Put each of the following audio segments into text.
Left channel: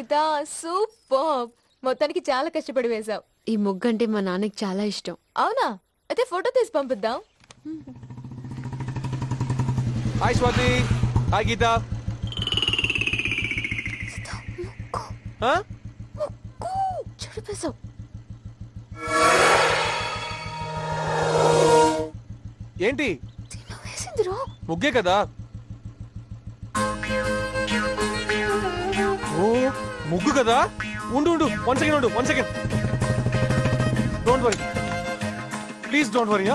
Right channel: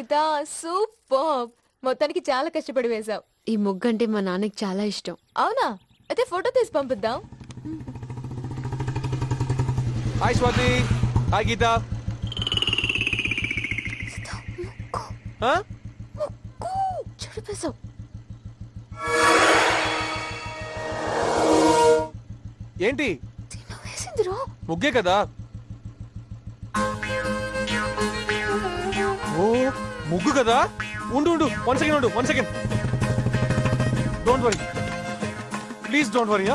గీత super. మొత్తానికి చాలా కష్టపడి వేశావు. ఈ ముగ్గంటే మా నాన్నకి చాలా ఇష్టం. అవునా? అయితే ఫోటో తీసి పంపిద్దాం. హాయ్ స్వాతి. హాయ్ గీత. చెడిపేశావు. ఏంటి వేసిందిరా? ముగ్గే కదా. ఓ ముగ్గు కదా. ఉండు 1 second. 1 second. Don't worry, please don't worry.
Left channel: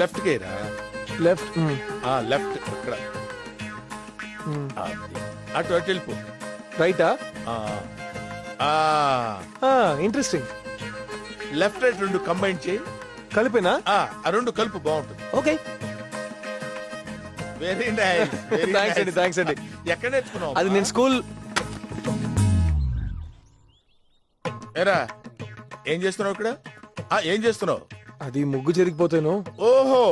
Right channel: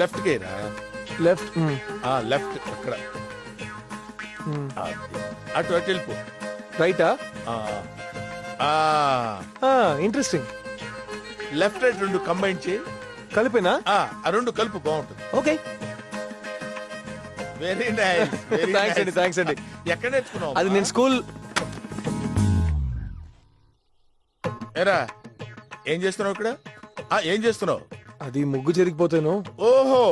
Left కేరా. లెఫ్ట్ లెఫ్ట్ అక్కడ. అటు వెళ్ళిపో. రైటా? ఇంట్రెస్టింగ్. లెఫ్ట్ రైట్ 2 కంబైన్ చేయి. కలిపేనా? ఆ 2 కలుపు, బాగుంటుంది. ఓకే. Very nice. థ్యాంక్స్ అండి. ఎక్కడ నేర్చుకున్నావు? అది నేను స్కూల్. ఏరా ఏం చేస్తున్నావు ఇక్కడ? ఏం చేస్తున్నావు? అది ముగ్గు జరిగిపోతాను. ఓహో,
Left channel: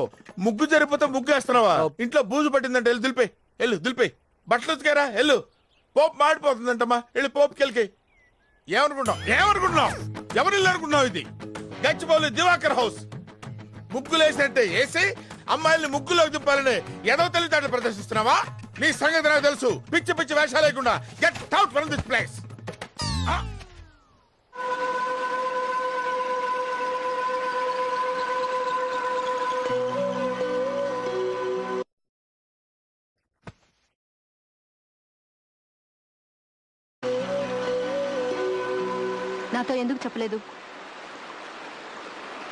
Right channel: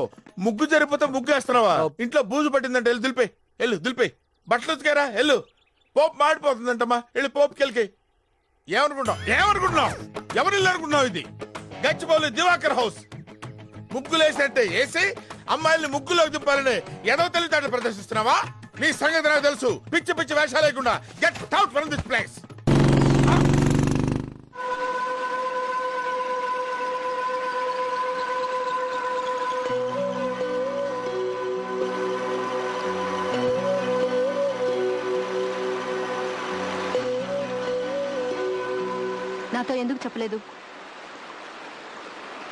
ముగ్గు జరిగిపోతే ముగ్గు వేస్తున్నావా? ఇంట్లో బూజు పట్టిందంటే వెళ్ళి దులిపే. బట్టలు ఉతికారా? వెళ్ళు. పోపు మాడిపోతుందంటమ్మా, వెళ్ళి పోపుకి వెళ్ళి. ఏమనుకుంటున్నావు? ఎవరు ఇల్లు అనుకుంటున్నావు? ఇది గచ్చిబౌలి దివాకర్ హౌస్. ముగ్గులేసినట్టే వేసి అమ్మాయిల్ని ముగ్గులోకి దింపాలని ఎదవ తెలివితేటలు ప్రదర్శిస్తున్నావా? నీ సంగతి నాకు తెలుసు. పిచ్చి వేషాలు లేకుండా get out from this place.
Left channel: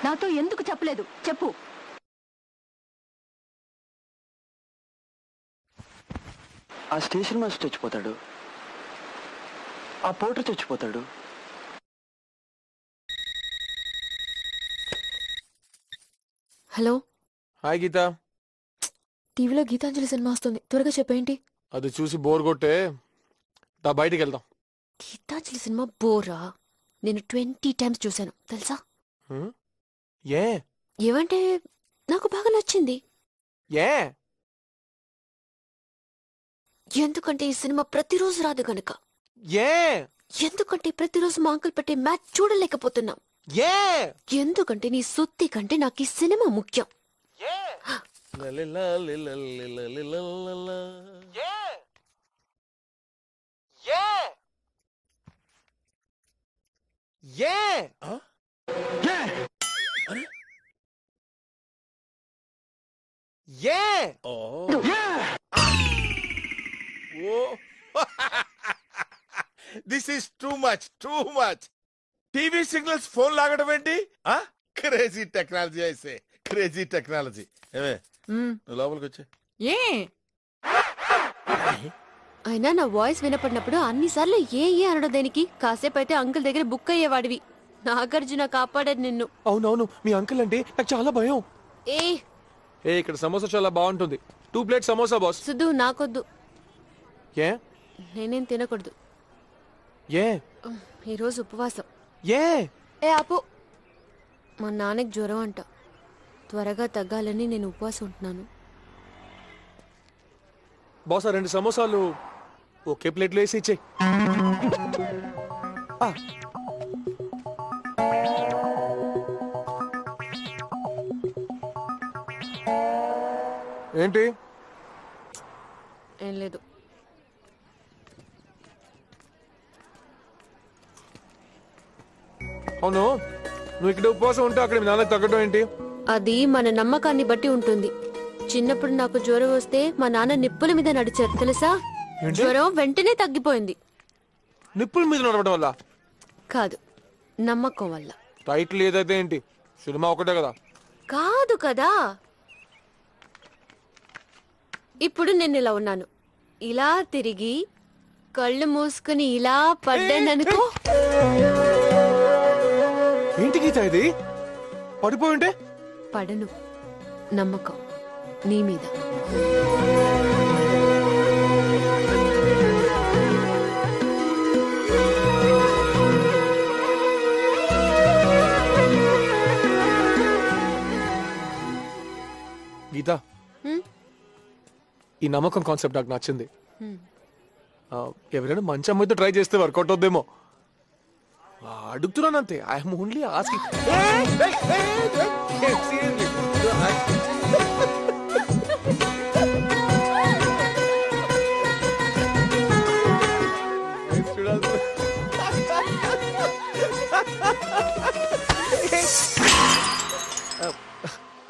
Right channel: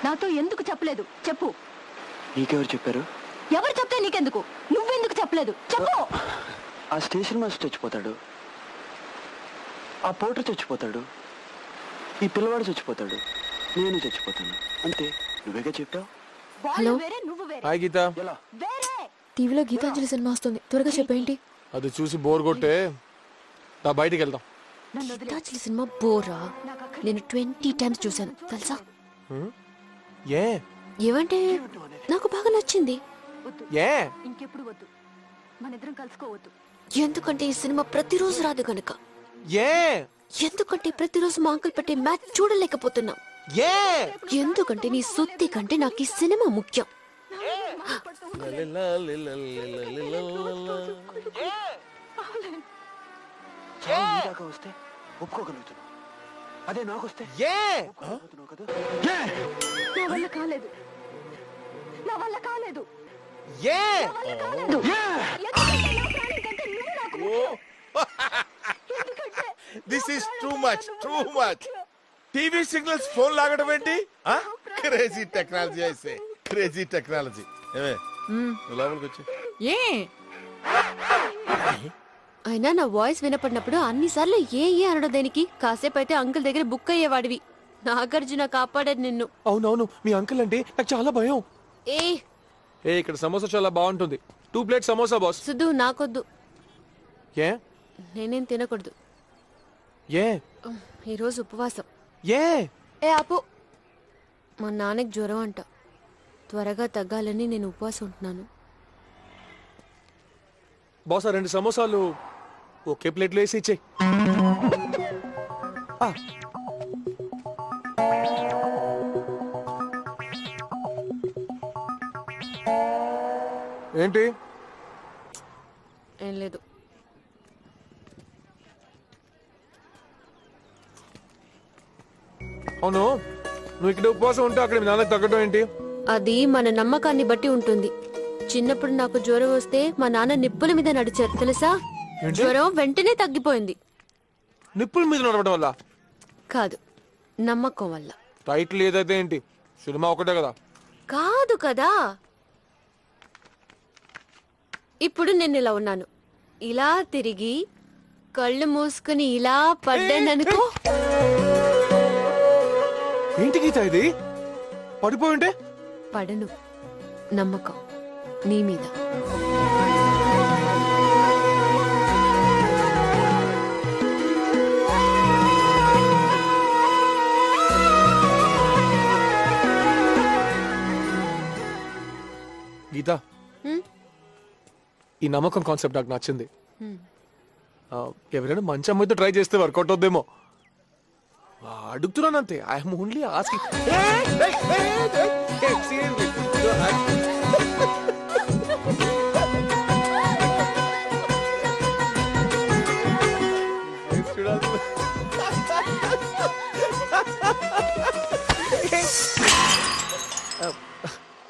నాతో ఎందుకు చెప్పలేదు? చెప్పు. నీకెవరు చెప్పారు? ఎవరు చెప్తే నీకెందుకు? నువ్వెందుకు చెప్పలేదు? చెప్పు. ఆ స్టేషన్ మాస్టర్ చచ్చిపోతాడు, ఆ పోటర్ చచ్చిపోతాడు, ఈ పిల్లవాడు చచ్చిపోతాడు, నేను చచ్చిపోతాను. అంతే. నువ్వేగా చెప్పావు. హలో. హాయ్ గీత. టీవీలో గీతాంజలి సినిమా వస్తుంది, త్వరగా చెప్పేంటి. అది చూసి బోర్ కొట్టే బయటికి వెళ్దాం. గీతాంజలి సినిమా బోరా? నేను 20 times చూశాను తెలుసా. ఏమంటే నాకు బాగా నచ్చింది. ఎందుకంటే ఈ సినిమా ప్రతిరోజు రాదు గనుక. ఎందుకంటే ప్రతిరోజు మా అంకుల్ పెట్టే మ్యాచ్ చూడలేకపోతున్నాం. ఎందుకంటే నీ సుత్తి కంటే నాకు ఈ సినిమా ముఖ్యం. అదే నాకొస్తే this is too much. TV signals phone లాగడం ఏంటి? క్రేజీ టెక్నాలజీ అయితే క్రేజీ టెక్నాలజీ. లోపలికి వచ్చి అయినా నా వాయిస్ వినపడినప్పుడు అన్నిసార్లు ఏ అనడం దేనికి? కాసేపు అయితే అంకుల్ దగ్గర బుక్ అయ్యేవాడివి. నాగార్జున కాపాడాడు నిన్ను. అవునవును, మీ అంకుల్ అంటే నాకు చాలా భయం. ఏ ఇక్కడ సమోసా చాలా బాగుంటుంది. 2 ప్లేట్ సమోసా బాస్. సుధు నాకొద్దు. నేనేం తినకూడదు. ఈరోజు ఉపవాసం. ఆపు. మా నాన్నకి జ్వరం అంట, త్వరగా తగ్గాలని నేను ఉపవాసం ఉంటున్నాను. బాస్ 2 సమోసాలు ఒకే ప్లేట్లో వేసి ఇచ్చేయి. ఏంటి? ఏం లేదు. అవును, నువ్వు ఇక్కడ ఉపవాసం ఉంటే అక్కడ మీ నాన్నకి తగ్గడం ఏంటి? అది మన నమ్మకాన్ని బట్టి ఉంటుంది. చిన్నప్పుడు నాకు జ్వరం వస్తే మా నాన్న నిప్పుల మీద నడిచారు తెలుసా. జ్వరం వెంటనే తగ్గిపోయింది. నిప్పుల మీద నడవడం వల్ల కాదు, నమ్మకం వల్ల. టైటిల్ ఏదైతే ఏంటి, సినిమా ఒకటే కదా. కాదు కదా. ఇప్పుడు నేను ఇలా ఉన్నాను, ఇలా తిరిగి కళ్ళు మూసుకుని ఇలా పడ్డాననుకో. ఏంటి గీత ఇది? పడిపోయి ఉంటే పడను. నమ్మకం నీ మీద. గీత, ఈ నమ్మకం కాన్సెప్ట్ నాకు నచ్చింది. ఎవరైనా మంచి అమ్మాయితో ట్రై చేస్తే వర్కౌట్ అవుద్దేమో అడుగుతున్నానంతే. I'm only asking.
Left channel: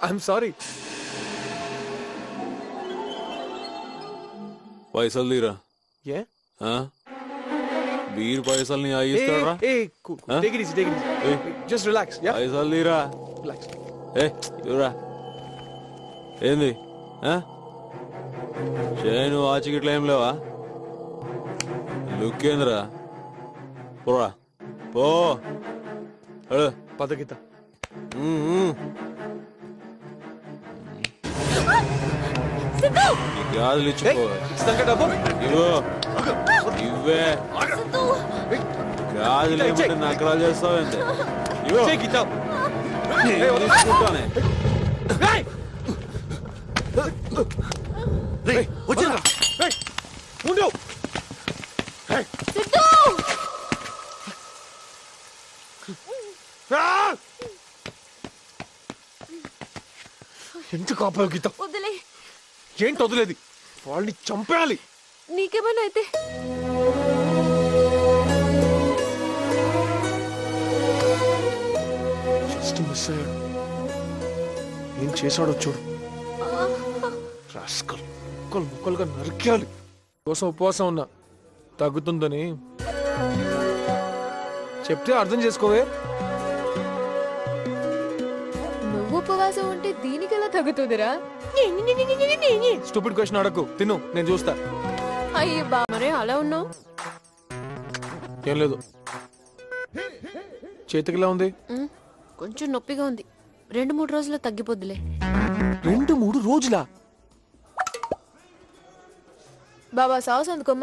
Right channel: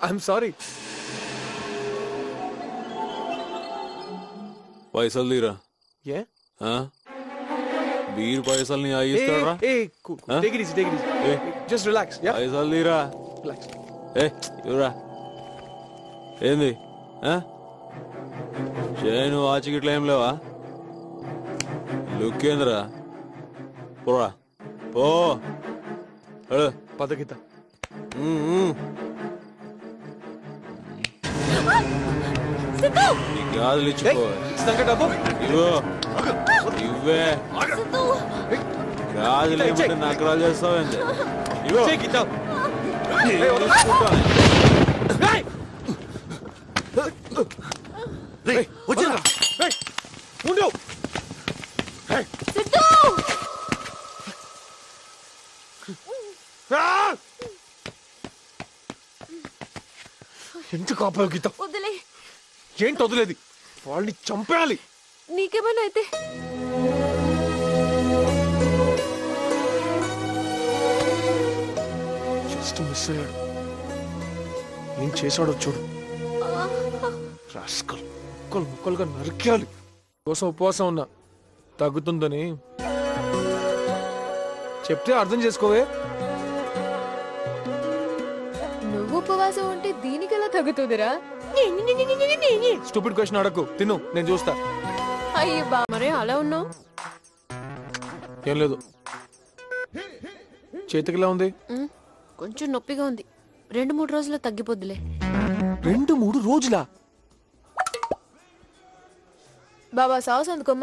I'm sorry. పైసలు తీరా. ఏ వీరు పైసలు నీ ఆగిస్తాడా? Just relax. పైసలు తీరా. రిలాక్స్. ఇవరా ఏంది చేయను ఆచికిట్లా ఏం లేవా? లుక్ ఏందిరా? పోరా పో. పద గీత. ఈ గాజులు ఇచ్చిపో. డబ్బు ఇవో ఇవ్వే. గాజులు ఏమంటే నకరాలు చేస్తావేంది? ఇవో తీసుకుంటానే. ఎందుకు ఆపావు గీత? వదిలే. ఏంటి వదిలేది? వాళ్ళని చంపేయాలి. నీకేమైనా అయితే జస్ట్ మిస్ అయ్యాడు. ఏం చేశాడో చూడు. రాస్కల్ ముక్కలు ముక్కలుగా నరికేయాలి. కోసం ఉపవాసం ఉన్నా తగ్గుతుందని చెప్తే అర్థం చేసుకోవే. నువ్వు ఉపవాసం ఉంటే దీనికి ఎలా తగ్గుతుందిరా? Stupid question అడగకు. తిను, నేను చూస్తా. అయ్యో బా, మరే అలా ఉన్నావు. ఏం లేదు. చేతికిలా ఉంది? కొంచెం నొప్పిగా ఉంది. 2-3 రోజుల్లో తగ్గిపోద్దులే. 2-3 రోజులా? బాబా సాస్ అందుకోమ్మా.